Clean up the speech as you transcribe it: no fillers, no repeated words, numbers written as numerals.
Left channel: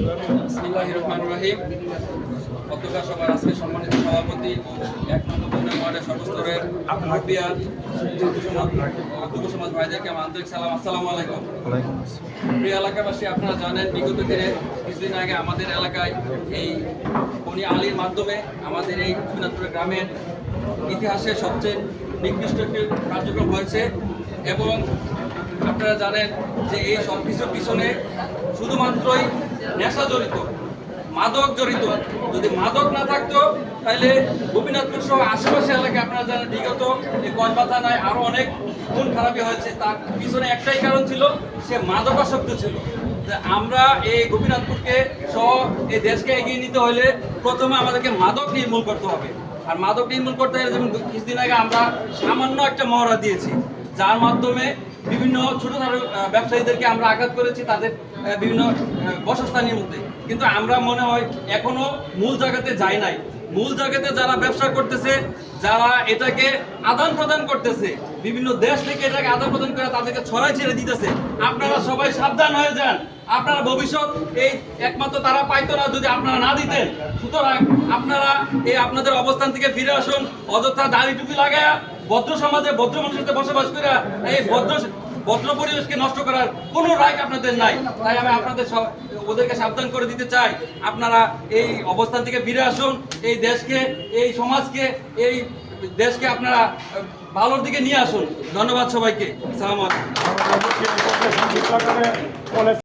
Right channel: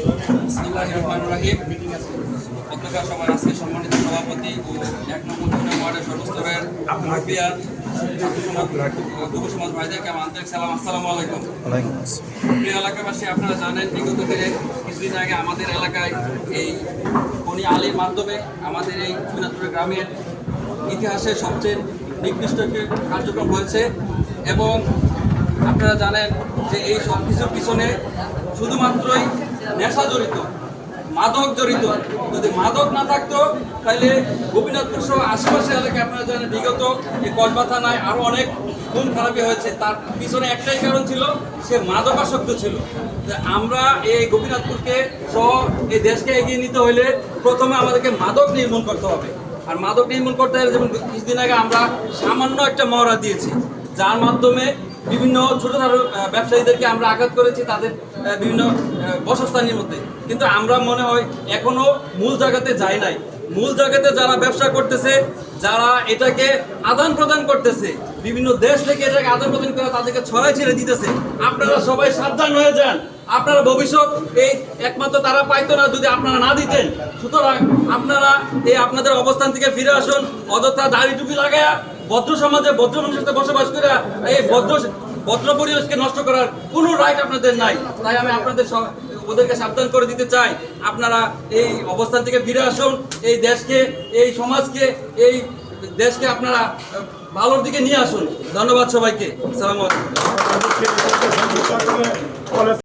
বিসমিল্লাহির রহমানির রহিম। পত্রিকা সভার আজকে সম্মানিত সভাপতি ও ১ নম্বর ওয়ার্ডের সর্বস্তরের মুরব্বিয়ান যুব সমাজ ভাইদেরকে আমার আন্তরিক সালাম, আসসালামু আলাইকুম। প্রিয় এলাকাবাসী, আপনারা জানেন বিগত দিনে কিছুদিন আগে আমাদের এলাকায় এই বনি আলীর মাধ্যমে আমাদের এই গোপীনাথপুর গ্রামের ইতিহাসে সবচেয়ে নিকৃষ্ট একটি কার্যক্রম হয়েছে এবং আপনারা জানেন যে এই সব কিছুর পিছনে শুধুমাত্রই নেশা জড়িত, মাদক জড়িত। যদি মাদক না থাকতো তাহলে গোপীনাথপুর সহ আশেপাশে এলাকায় আপনারা জানেন বিগত এই কসবা থানায় আরও অনেক খুন খারাপি হয়েছে। তার পিছনে একটাই কারণ ছিল, সে মাদকাসক্ত ছিল। আমরা এই গোপীনাথপুরকে সহ এই দেশকে এগিয়ে নিতে হলে প্রথমে আমাদেরকে মাদক নির্মূল করতে হবে। আর মাদক নির্মূল করতে হলে যেমন কিছুদিন আগে আমরা সামান্য একটা মহড়া দিয়েছি, যার মাধ্যমে বিভিন্ন ছোটোখাটো ব্যবসায়ীদেরকে আমরা আঘাত করেছি তাদের বিভিন্ন বাসস্থানের মধ্যে। কিন্তু আমরা মনে হয় এখনো মূল জায়গাতে যাই নাই। মূল জায়গাতে যারা ব্যবসা করতেছে, যারা এটাকে আদান প্রদান করতেছে, বিভিন্ন দেশ থেকে এটাকে আদান প্রদান করে তাদেরকে ছড়াই ছেড়ে দিতেছে, আপনারা সবাই সাবধান হয়ে যান। আপনারা ভবিষ্যৎ এই একমাত্র তারা পাইতো না যদি আপনারা না দিতেন। সুতরাং আপনারা এই আপনাদের অবস্থান থেকে ফিরে আসুন। অযথা দাড়ি টুপি লাগায়া ভদ্র সমাজে ভদ্র মানুষের সাথে বসবাস করে এই ভদ্র পরিবেশকে নষ্ট করার কোনো রাইট আপনাদের নাই। তাই আমি আপনাদের ওদেরকে সাবধান করে দিতে চাই, আপনারা এই অবস্থান থেকে ফিরে আসুন। এই দেশকে, এই সমাজকে, এই দেশকে আপনারা ভালোর দিকে নিয়ে আসুন। ধন্যবাদ সবাইকে। আসসালামু আলাইকুম।